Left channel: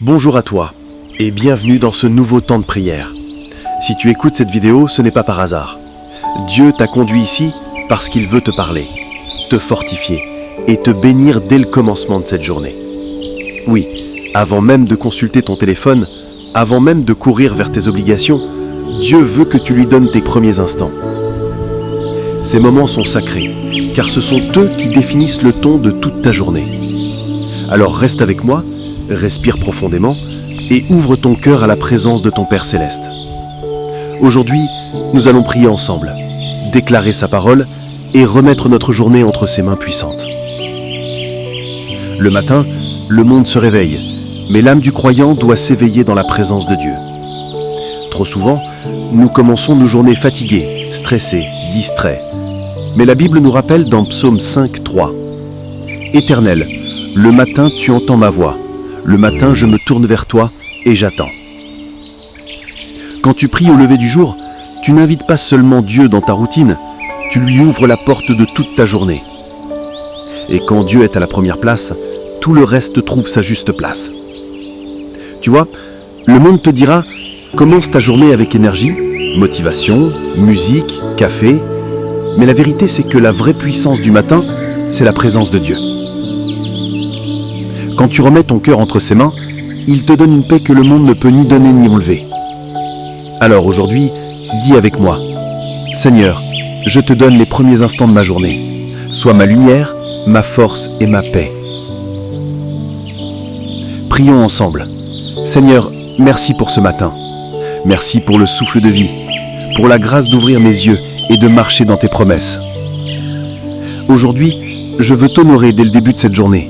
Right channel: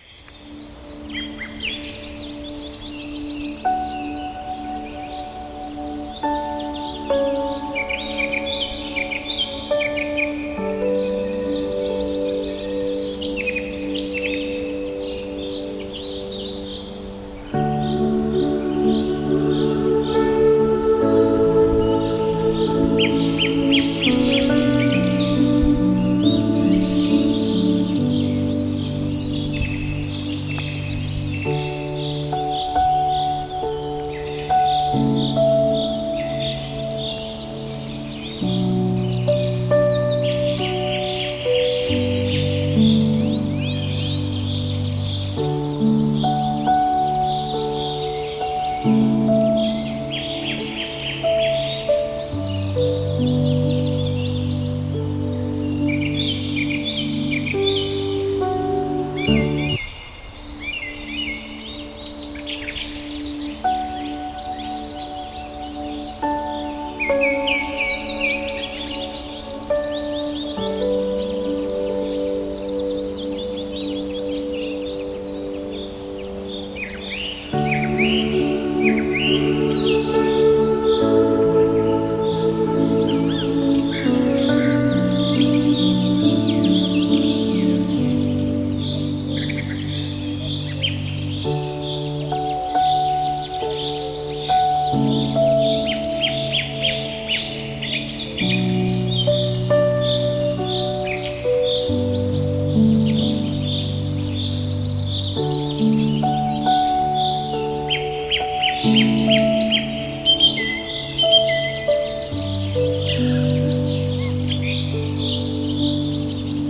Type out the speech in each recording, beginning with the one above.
Bonjour à toi et bienvenue dans ce nouveau temps de prière. Si tu écoutes cette vidéo, ce n'est pas par hasard. Dieu t'a conduit ici parce qu'il veut te parler, te fortifier et te bénir dès le commencement de cette journée. Oui, avant même de consulter ton téléphone, avant même de courir vers tes obligations, Dieu veut que tu lui donnes tes premiers instants. Ces moments sont sacrés, car ce sont eux qui définissent le ton de toute ta journée. Alors reste avec moi, respire profondément et ouvre ton cœur à la présence de ton Père Céleste. Aujourd'hui, nous allons prier ensemble, déclarer sa parole et remettre notre journée entre ses mains puissantes. Le matin, le monde se réveille, mais l'âme du croyant doit s'éveiller dans la présence de Dieu. Trop souvent, nous commençons nos journées fatigués, stressés, distraits. Mais la Bible nous rappelle dans Psaume 5, 3 « Éternel, le matin tu entends ma voix, le matin je me tourne vers toi et j'attends. » Quand tu pries au lever du jour, tu n'invites pas seulement Dieu dans ta routine, tu lui ouvres la porte de toute ta journée. Et quand Dieu est à la première place, tout le reste trouve sa juste place. Tu vois, le monde te dira « Commence ta journée avec énergie, motivation, musique, café », mais la vérité c'est que la vraie puissance du matin, c'est la présence de Dieu. Quand tu remets ton cœur entre ses mains, il te donne une paix que le monde ne peut ni donner ni enlever. Alors aujourd'hui, dis avec moi, « Seigneur, je te donne les premiers instants de ma journée. Sois ma lumière, ma force et ma paix. » Prions ensemble. Seigneur, merci pour ce matin. Merci pour le souffle de vie, pour la grâce d'ouvrir mes yeux et de marcher dans tes promesses. Aujourd'hui, je veux t'honorer dès le début de cette journée.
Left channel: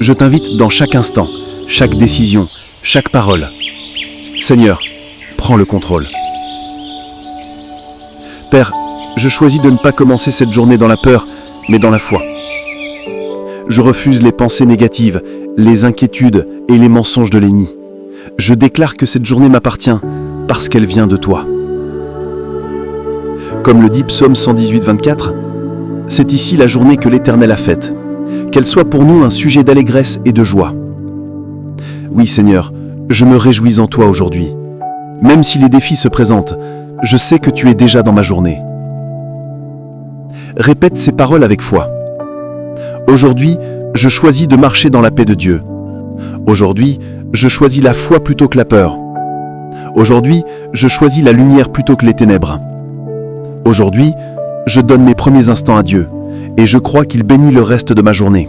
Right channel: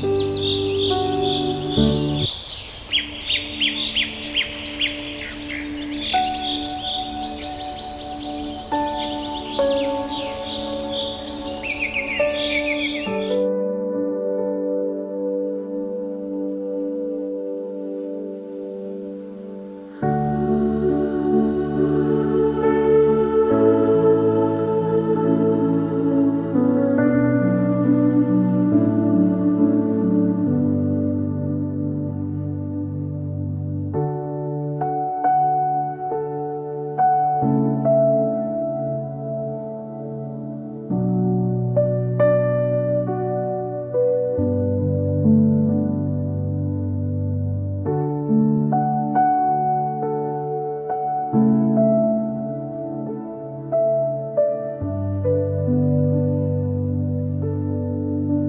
Je t'invite dans chaque instant, chaque décision, chaque parole. Seigneur, prends le contrôle. Père, je choisis de ne pas commencer cette journée dans la peur, mais dans la foi. Je refuse les pensées négatives, les inquiétudes et les mensonges de l'ennemi. Je déclare que cette journée m'appartient parce qu'elle vient de toi. Comme le dit Psaume 118, 24, c'est ici la journée que l'Éternel a faite. Qu'elle soit pour nous un sujet d'allégresse et de joie. Oui Seigneur, je me réjouis en toi aujourd'hui. Même si les défis se présentent, je sais que tu es déjà dans ma journée. Répète ces paroles avec foi. Aujourd'hui, je choisis de marcher dans la paix de Dieu. Aujourd'hui, je choisis la foi plutôt que la peur. Aujourd'hui, je choisis la lumière plutôt que les ténèbres. Aujourd'hui, je donne mes premiers instants à Dieu et je crois qu'il bénit le reste de ma journée.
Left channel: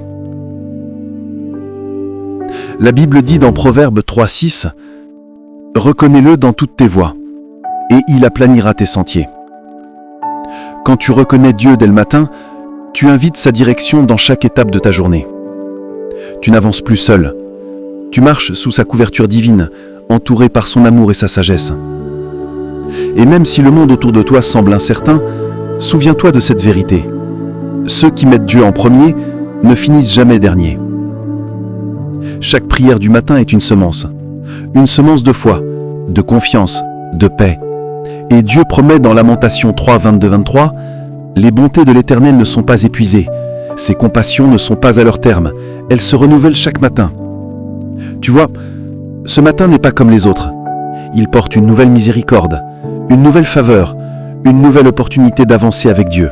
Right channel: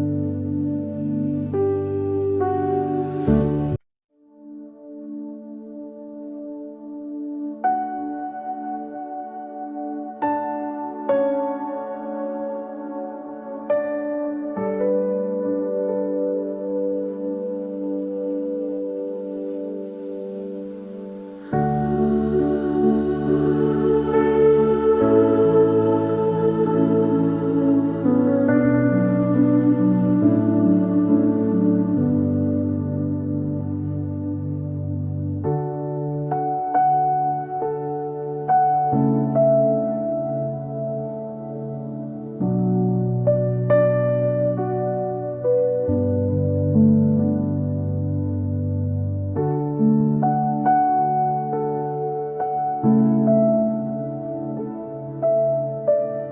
La Bible dit dans Proverbe 3, 6 « Reconnais-le dans toutes tes voies, et il aplanira tes sentiers. » Quand tu reconnais Dieu dès le matin, tu invites sa direction dans chaque étape de ta journée. Tu n'avances plus seul. Tu marches sous sa couverture divine, entouré par son amour et sa sagesse. Et même si le monde autour de toi semble incertain, souviens-toi de cette vérité. Ceux qui mettent Dieu en premier ne finissent jamais derniers. Chaque prière du matin est une semence de foi, de confiance, de paix. Et Dieu promet dans Lamentation 3, 22-23, « Les bontés de l'Éternel ne sont pas épuisées, ses compassions ne sont pas à leur terme, elles se renouvellent chaque matin. » Tu vois, ce matin n'est pas comme les autres. Il porte une nouvelle miséricorde, une nouvelle faveur, une nouvelle opportunité d'avancer avec Dieu.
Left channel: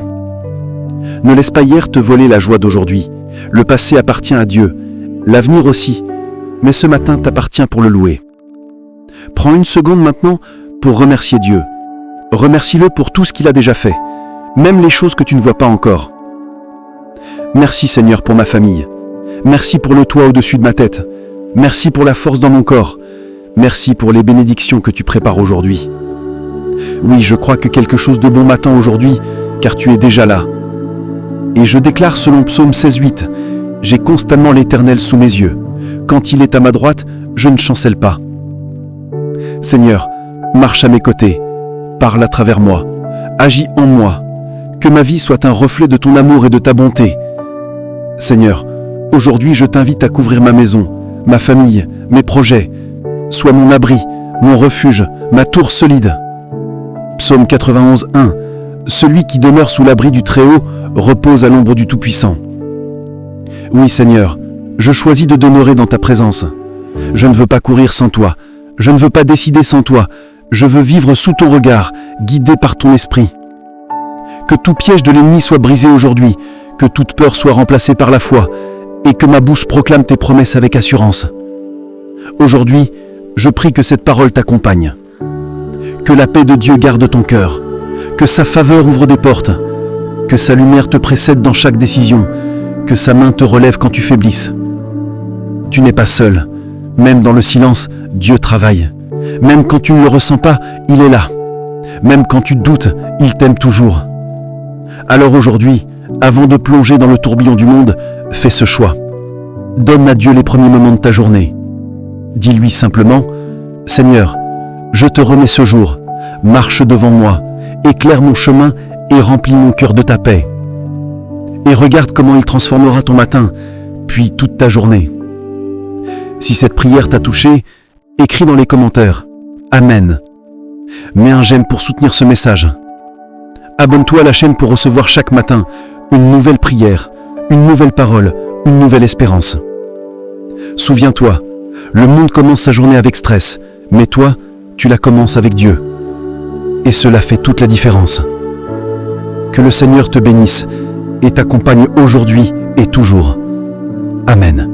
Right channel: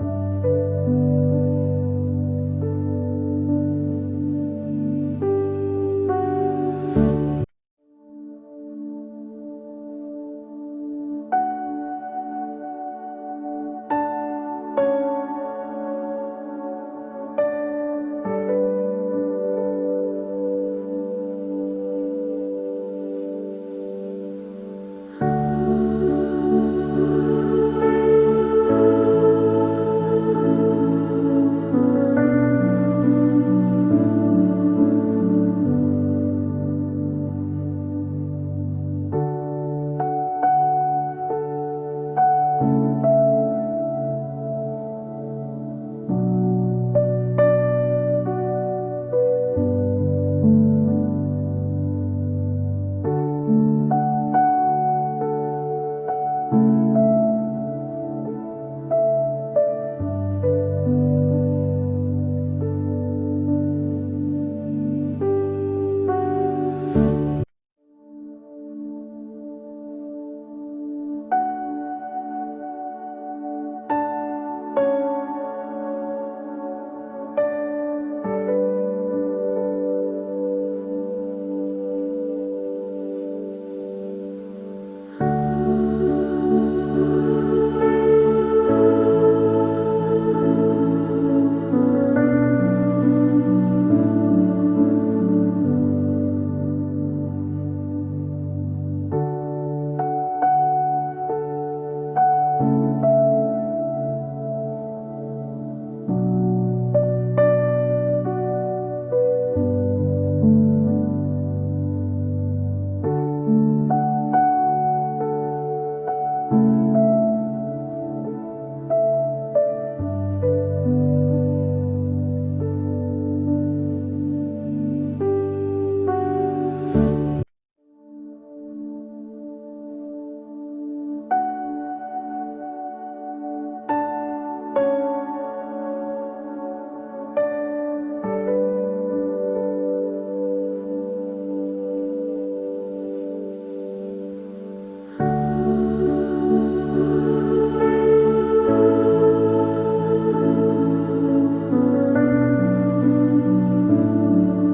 Ne laisse pas hier te voler la joie d'aujourd'hui. Le passé appartient à Dieu, l'avenir aussi, mais ce matin t'appartient pour le louer. Prends une seconde maintenant pour remercier Dieu. Remercie-le pour tout ce qu'il a déjà fait, même les choses que tu ne vois pas encore. Merci Seigneur pour ma famille. Merci pour le toit au-dessus de ma tête. Merci pour la force dans mon corps. Merci pour les bénédictions que tu prépares aujourd'hui. Oui, je crois que quelque chose de bon m'attend aujourd'hui, car tu es déjà là. Et je déclare selon Psaume 16, 8, « J'ai constamment l'Éternel sous mes yeux. Quand il est à ma droite, je ne chancelle pas. » Seigneur, marche à mes côtés, parle à travers moi, agis en moi, que ma vie soit un reflet de ton amour et de ta bonté. Seigneur, aujourd'hui je t'invite à couvrir ma maison, ma famille, mes projets. Sois mon abri, mon refuge, ma tour solide. Psaume 91, 1. Celui qui demeure sous l'abri du Très-Haut repose à l'ombre du Tout-Puissant. Oui Seigneur, je choisis de demeurer dans ta présence. Je ne veux pas courir sans toi. Je ne veux pas décider sans toi. Je veux vivre sous ton regard, guidé par ton esprit. Que tout piège de l'ennemi soit brisé aujourd'hui, que toute peur soit remplacée par la foi, et que ma bouche proclame tes promesses avec assurance. Aujourd'hui, je prie que cette parole t'accompagne. Que la paix de Dieu garde ton cœur, que sa faveur ouvre des portes, que sa lumière te précède dans chaque décision, que sa main te relève quand tu faiblisses. Tu n'es pas seul. Même dans le silence, Dieu travaille. Même quand tu ne le ressens pas, il est là. Même quand tu doutes, il t'aime toujours. Alors aujourd'hui, avant de plonger dans le tourbillon du monde, fais ce choix. Donne à Dieu les premiers moments de ta journée. Dis-lui simplement, « Seigneur, je te remets ce jour, marche devant moi, éclaire mon chemin et remplis mon cœur de ta paix. » Et regarde comment il transformera ton matin, puis toute ta journée. Si cette prière t'a touché, écris dans les commentaires « Amen ». Mets un j'aime pour soutenir ce message. Abonne-toi à la chaîne pour recevoir chaque matin une nouvelle prière, une nouvelle parole, une nouvelle espérance. Souviens-toi, le monde commence sa journée avec stress, mais toi, tu la commences avec Dieu. Et cela fait toute la différence. Que le Seigneur te bénisse et t'accompagne aujourd'hui et toujours. Amen.